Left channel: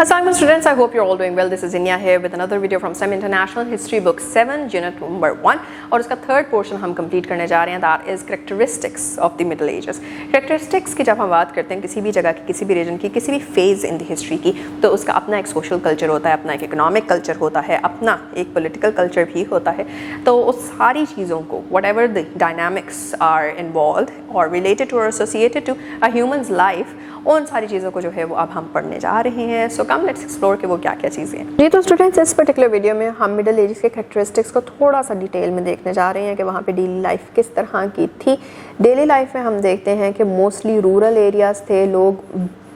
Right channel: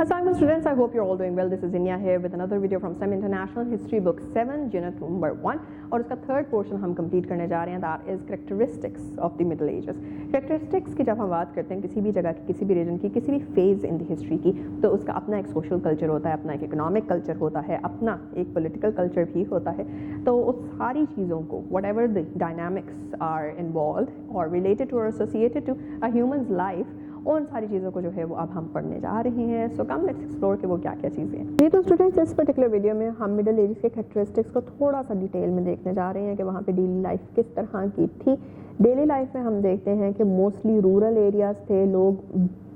Assalamualaikum students, I hope you're all doing well. This is Inya here with another video from STEM International History Book 7 Unit number 1 और उसका third portion हम complete करने जा रहे हैं. That is characteristics of the middle edges. Characteristics की जब हम बात करते हैं किसी भी जगह की, किसी भी रीजन की, किसी भी फेज़ इन द हिस्ट्री की, तो उसका अपना एक सोशल कल्चर होता है, अपना एक इकोनॉमिक कल्चर होता है, अपना एक पॉलिटिकल कल्चर भी होता है. तो उस सारी चीज़ों को whatever the dynamics are involve और रिलेटेड टू और associated to a humans life, उन सारी चीज़ों को जो है वो अब हम पढ़ने जा रहे हैं. सो कम लेट्स एक्सप्लोर कि वो क्या क्या चीज़ें हैं. जी तो स्टूडेंट्स, इस पर्टिकुलर वीडियो में हम मिडिल एजेस के कैरेक्टरिस्टिक्स को थोड़ा सा डिटेल में देखने जा रहे हैं कि वहाँ पे डेली लाइफ किस तरह की थी. डेली लाइफ में हम देखते हैं कि मोस्टली रूरल एरियाज़ थे, लोग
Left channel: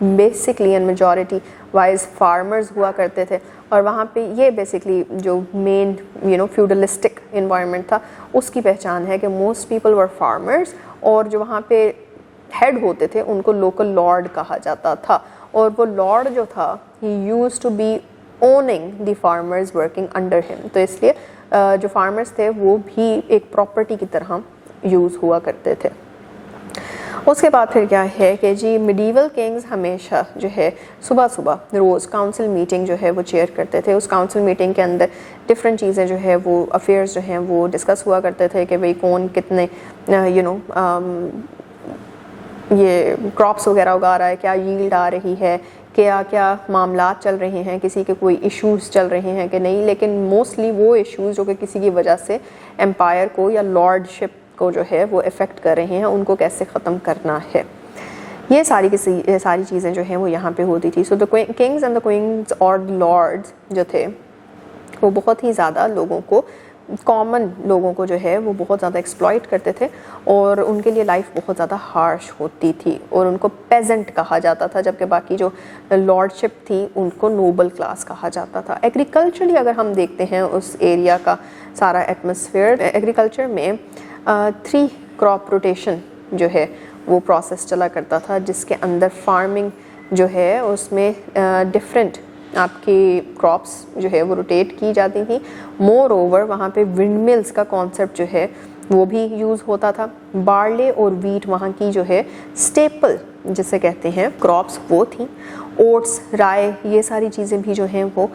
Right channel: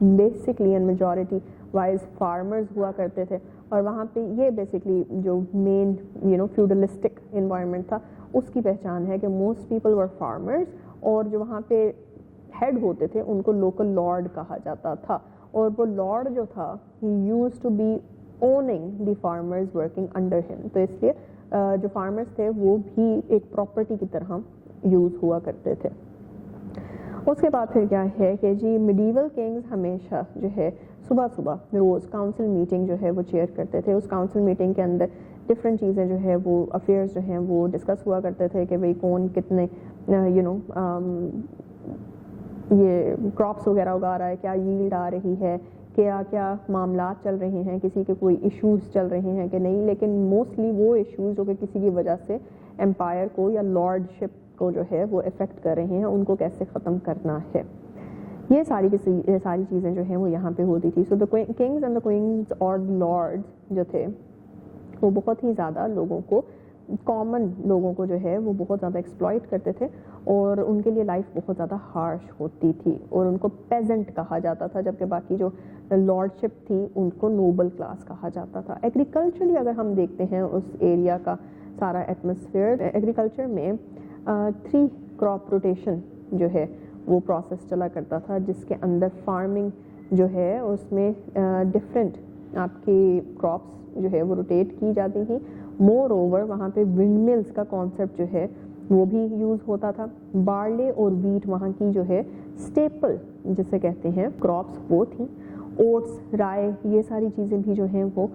basically and majority wise farmers हुआ करते थे और वहाँ पे ये बेसिकली जो मेन फ्यूडलिस्टिक इन्वायरमेंट था उसकी पहचान है कि मोस्ट पीपल वर फार्मर्स और जो वहाँ पे हेड होते थे उनको लोकल लॉर्ड कहा जाता था और वो लॉर्ड जो था he used to be owning the farmers working under him. तो इसलिए जो फार्मर्स थे वो भी एक प्रॉपर्टी की तरह यूज़ हुआ करते थे. उसके बाद फिर क्या है कि जी मिडीवल किंग्स हमेशा जो है सुबह सुबह रोज़ काउंसिल मीटिंग जो है वो चेयर करते थे. उस काउंसिल मीटिंग के अंदर डिफरेंट चीज़ें जो है वो अफेयर्स जो हैं वो डिस्कस हुआ करते थे कि भाई कौन कितने ये क्रॉप्स वगैरह उगा रहा है, क्या यील्ड आ रही है, क्या क्या मामलात चल रहे हैं, किसी के कोई इश्यूज़ चल रहे हैं कि नहीं. लेकिन मोस्टली वो इश्यूज़ जो कि किसी की वजह से एम्पायर को या लॉर्डशिप को जो है वो इफ़ेक्ट कर रहे हैं, उनको कैसे ख़त्म करना है, ये सारी चीज़ें जो हैं वो यहाँ पे होती थी. So the kings and the queens और लॉर्ड्स जो थे वो बहुत ही ज़्यादा लोगों को, कॉमन लोगों को जो है वो बहुत ज़्यादा एक्सप्लॉइट करते थे और उनके लिए लाइफ बहुत ज़्यादा हार्श होती थी और उनको पेजेंट कहा जाता था, जबकि बाकी जो लॉर्डशिप थी उनको नोबल क्लास कहा जाता था. एग्रीकल्चरली अगर हम देखते हैं उस एरिया का सारा एटमॉस्फेयर, एग्रीकल्चर में 3 क्रॉप रोटेशन जो है वो प्रोसेस चला करता था, जिसके अंदर फार्मिंग जो है उसमें डिफरेंट आपकी क्रॉप्स जो है वो रोटेट की जाती थी. मोर ओवर वहाँ पे विंड मिल्स का कॉन्सेप्ट जो है वो भी यूज़ होता था. बार्ले और वीट वहाँ की जो है स्टेपल जिसे कहते हैं क्रॉप्स वो थी. ओट्स, राय, ये सारी चीज़ें भी जो हैं वो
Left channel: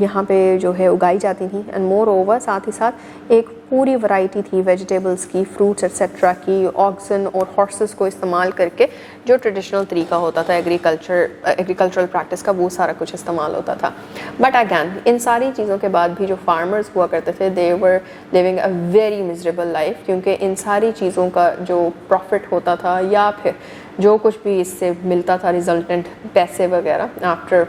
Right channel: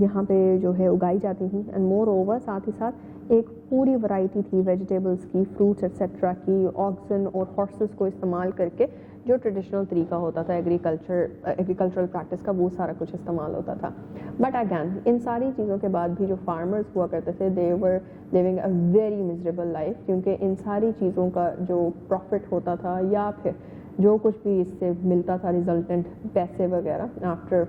यहाँ पे जो है उगाई जाती थी. एंड मोर ओवर साथ ही साथ एक पूरी वैरायटी थी वेजिटेबल्स की, फ्रूट्स एक्सेट्रा की. ऑक्सन और हॉर्सेस को इस्तेमाल करके जो ट्रेडिशनल तरीका होता था एग्रीकल्चरल प्रैक्टिस का, वो सारा कुछ इस्तेमाल होता था. बट अगैन इन सारी चीज़ों के बाद भी जो फार्मर्स हुआ करते थे they were living a very miserable life, क्योंकि इन सारी चीज़ों का जो प्रॉफिट होता था या फिर जो कुछ भी इससे मिलता था रिजल्टेंट पैसे वगैरह आफ्टर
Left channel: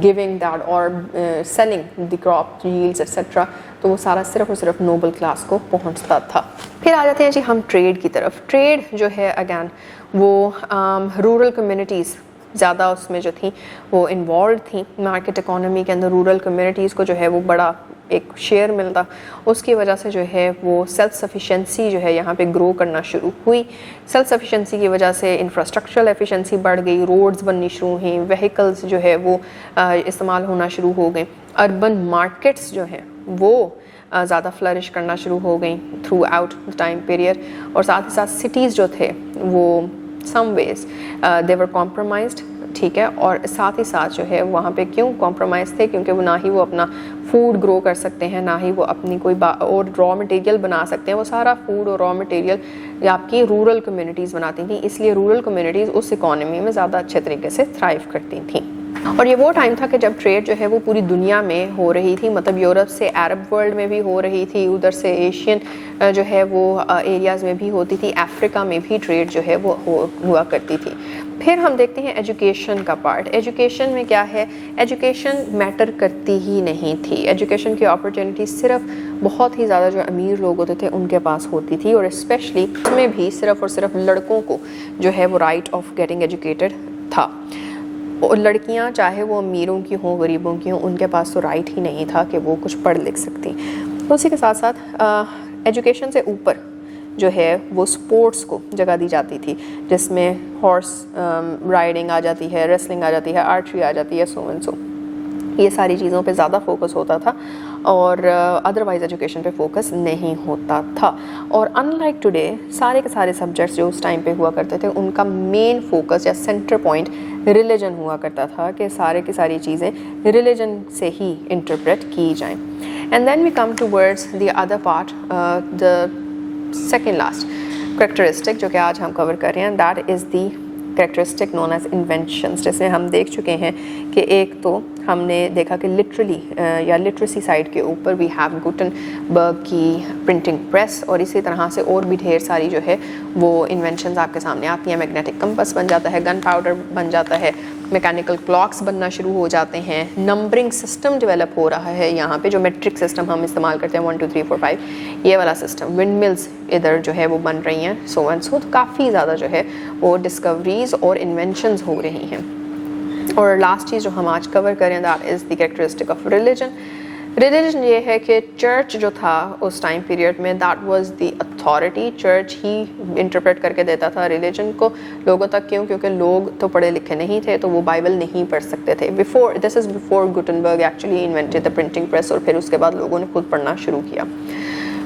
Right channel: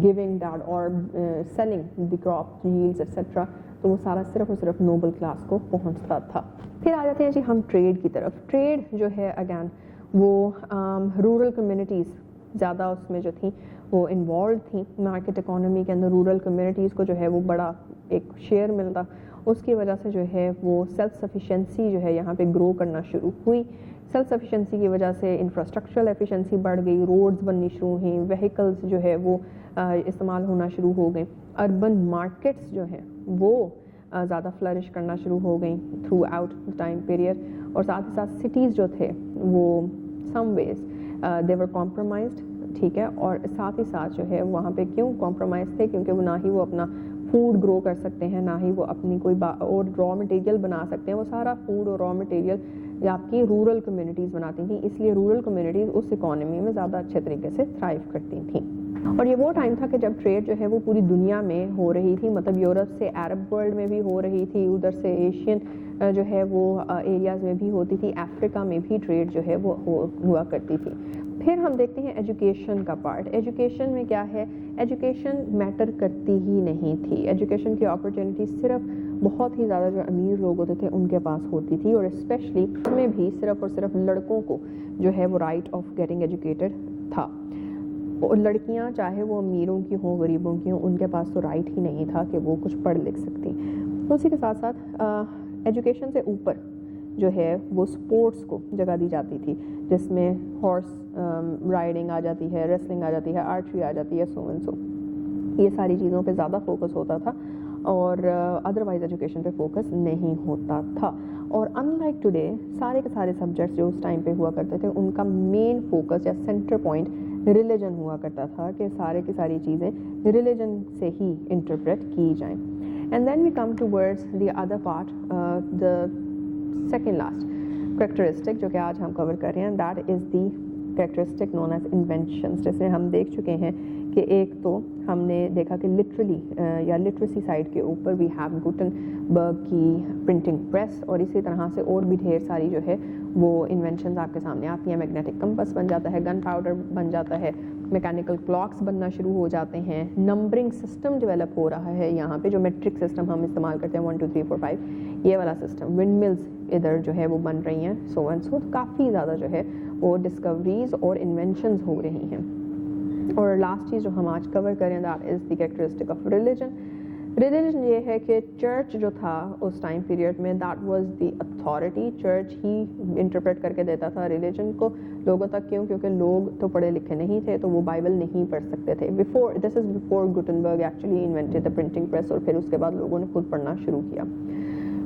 गिविंग दैट और selling the crop yields etcetera, तो वो सारा सिर्फ और सिर्फ नोबल क्लास को पहुंचता था. फिर आ जाते हैं जी हम ट्रेड की तरफ. ट्रेड जो है अगैन वो रूरल कम्युनिटीज़ ज़्यादा उसमें जो थी वो इन्वॉल्व थी. मार्केट इकोनॉमी के अंदर रूरल कम्युनिटीज़ को जो है वो बड़ा एक शेयर मिलता, उसकी वजह से जो है वो सेल्फ सफिशेंसी जो है यहाँ पे ग्रो करना शुरू हुई. सेल्फ सफिशेंसी की वजह से इंफ्रास्ट्रक्चरल एफिशिएंसी बढ़ गई, रोड्स बननी शुरू हुई, व्हीकल्स जो है वो इस्तेमाल होना शुरू हो गए. अर्बन मार्केट्स जो हैं वो ज़्यादा फ्लरिश करना शुरू हो गई through out the time period. और साथ ही साथ सिटीज़ जो थे वो सम वेज दे वर कॉम्प्रोमाइज्ड, ठीक है. और साथ ही साथ जो है वहाँ पे क्यों कॉम्प्रोमाइज़ थे, क्योंकि वो ना ही वो अपना फूड ग्रो कर सकते हैं, ना ही वो अपनी कोई और रॉ मटेरियल बना सकते हैं. वो सारा फूड और रॉ मटेरियल आपकी रूरल कम्युनिटीज़ बनाती थी, इसलिए रूरल कम्युनिटीज़ उस इकॉनमी में ज़्यादा अच्छे तरीके से थ्राइव करती थी. और ये वो टाइम था कि जब ट्रेड जो है वो पूरी दुनिया में हो रही थी, मतलब यूरोप से अरब वर्ल्ड में भी हो रही थी, उधर से एशियन जो है वो एरियाज़ में भी होती थी, अफ्रीका में भी ट्रेड जो है वो हुआ करती थी. फिर हम देखते हैं एजुकेशन का पार्ट. एजुकेशन में क्या है, एजुकेशन मैटर करती ही नहीं थी. एजुकेशन की अपॉर्चुनिटी सिर्फ बहुत ही ज़्यादा जो अमीर लोग होते थे उनके पास होती थी, और स्पेशली उसमें भी सिर्फ और सिर्फ लड़कों को जो है वो राइट ऑफ गेटिंग एजुकेटेड था. और लड़कियां चाहे वो अमीरों की हों गरीबों की हों, उनके पास तो राइट ही नहीं था कि वो कुछ पढ़ लिख सकती. तो उसी के साथ साथ एजुकेशन से ऊपर जो है वो स्पोर्ट्स को जगह दी जाती थी, जिसमें हॉर्स राइडिंग आ जाती है, रेसलिंग आ जाती है, आर्चरी आ जाती है, सो एंड सो. ये सारी चीज़ों पे ज़्यादा फोकस होता था और अदरवाइज एजुकेशन पे फोकस नहीं होता था. और अनलाइक टुडे सारे के सारे सब्जेक्ट्स जो उस टाइम पे हुआ करते थे उनका मेन फोकस या सेंटर पॉइंट ریلیجن ہوا کرتا تھا کہ سارے کی ساری چیزیں ریلیجن سے ہی انٹرپریٹ کی جائیں. And then we come towards the other part, the second last characteristic جو کہ آج ہم کور کر رہے ہیں, that is the characteristic known as inventions. جیسے ہم دیکھ چکے ہیں کہ ایک تو ہم نے دیکھا کہ لٹرلی یا لٹریسی سائڈ کے اوپر وی ہیو گوٹنبرگ کی پرنٹنگ پریس, اور اسی طرح سے اور بھی ڈھیر ساری جو ہے وہ انوینشنز آپ کے سامنے آتی ہیں. میگنیٹک کمپس بن جاتا ہے, گن پاؤڈر بن جاتا ہے, میکینیکل کلاکس بننا شروع ہو جاتے ہیں, نمبرنگ سسٹم ڈیولپ ہو رہا ہے یہاں پہ, جو میٹرک سسٹم ہم استعمال کرتے ہیں 1 2 3 4 5 یہ والا سسٹم, ونڈ ملز ادھر جو ہے وہ بن رہی ہیں, سو اینڈ سو. کافی زیادہ جو ہے وہ ڈسکوریز اور انوینشنز ہو رہی ہیں. اور لاسٹ چیز جو ہم آج کور کریں that is the characteristic of religion. Religion یہ ہے کہ چرچ جو تھا اس ٹائم پیریڈ میں, that was the authority. Church he interpret کر کے دیتا تھا ریلیجن کو لوگوں تک. کیوں؟ کیونکہ لوگ تو پڑھے لکھے نہیں تھے, تو وہ بائبل نہیں پڑھ سکتے تھے. This is before Gutenberg actually invented the printing press, اور پھر اس کے بعد لوگوں نے خود پڑھنا شروع کیا.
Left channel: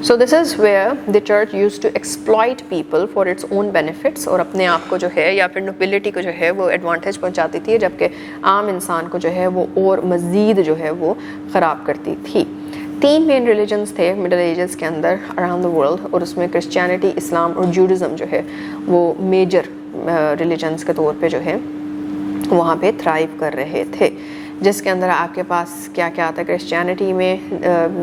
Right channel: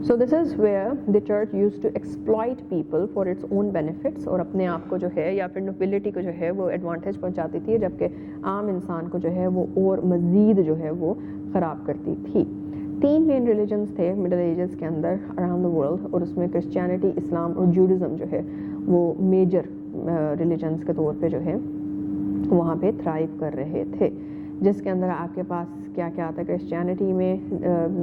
So this is where the church used to exploit people for its own benefits, اور اپنے آپ کو جو ہے یا پھر نوبلٹی کو جو ہے وہ ایڈوانٹیج پہنچاتی تھی, جبکہ عام انسان کو جو ہے وہ اور مزید جو ہے وہ خراب کرتی تھی. 3 مین ریلیجنس تھے مڈل ایجز کے اندر اراؤنڈ دا ورلڈ, اور اس میں کرسچینٹی, اسلام اور جوڈزم جو ہے وہ میجر ریلیجنس کے طور پہ جو ہے وہاں پہ تھرائیو کر رہے تھے. جس کے اندر آپ کے پاس کیا کیا آتا ہے, کرسچینٹی میں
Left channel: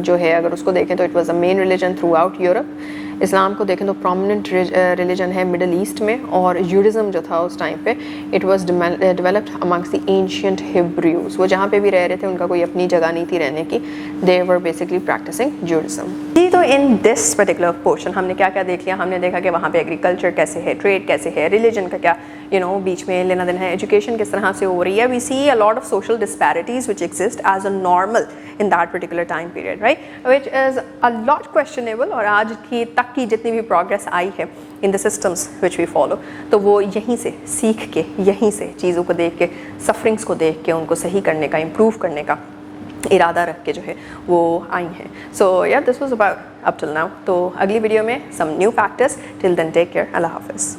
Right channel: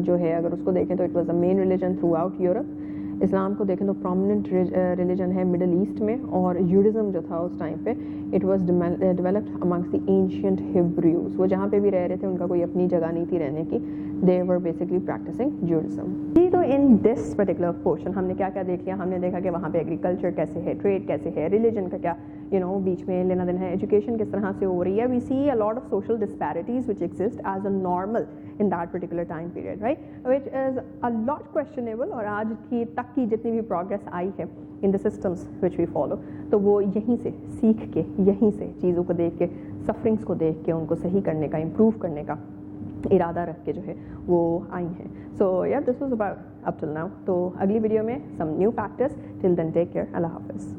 جو ہے اگر اس کو دیکھیں تو it was a main religion throughout Europe. اسلام کو دیکھیں تو پرومیننٹ ریلیجن ہے مڈل ایسٹ میں, اور جوڈزم جو تھا اس ٹائم پہ it was developed amongst the ancient Hebrews. وہ جہاں پہ بھی رہ رہے تھے ان کا کوئی اپنی جگہ نہیں تھی رہنے کی, دے ور بیسکلی پریکٹسنگ جوڈزم. جی تو ان دس پرٹیکولر پورشن ہم نے کیا کیا دیکھ لیا. ہم نے دیکھا کہ وہاں پہ ایگریکلچر کیسے ہے, ٹریڈ کیسے ہے, ریلیجن کا کیا بیچ میں لینا دینا ہے, ایجوکیشن کس طرح سے ہو رہی ہے. We see a lot of social disparities which exist as a normal in that particular time period, right, which is a lot questionable. اور آج کی تک کی جتنی بھی پروگریس آئی ہے in the systems which we follow, تو وہ یہیں سے سیکھ کے, یہیں سے چیزوں کو دیکھ کے, سفرنگس کو دیکھ کے ان کو صحیح کرنے کا, امپروو کرنے کا ارادہ رکھ کے جو ہے وہ آئی ہیں. So yeah, this was about up till now. تو اگلی ویڈیو میں some new factors. Till then take care. اللہ حافظ.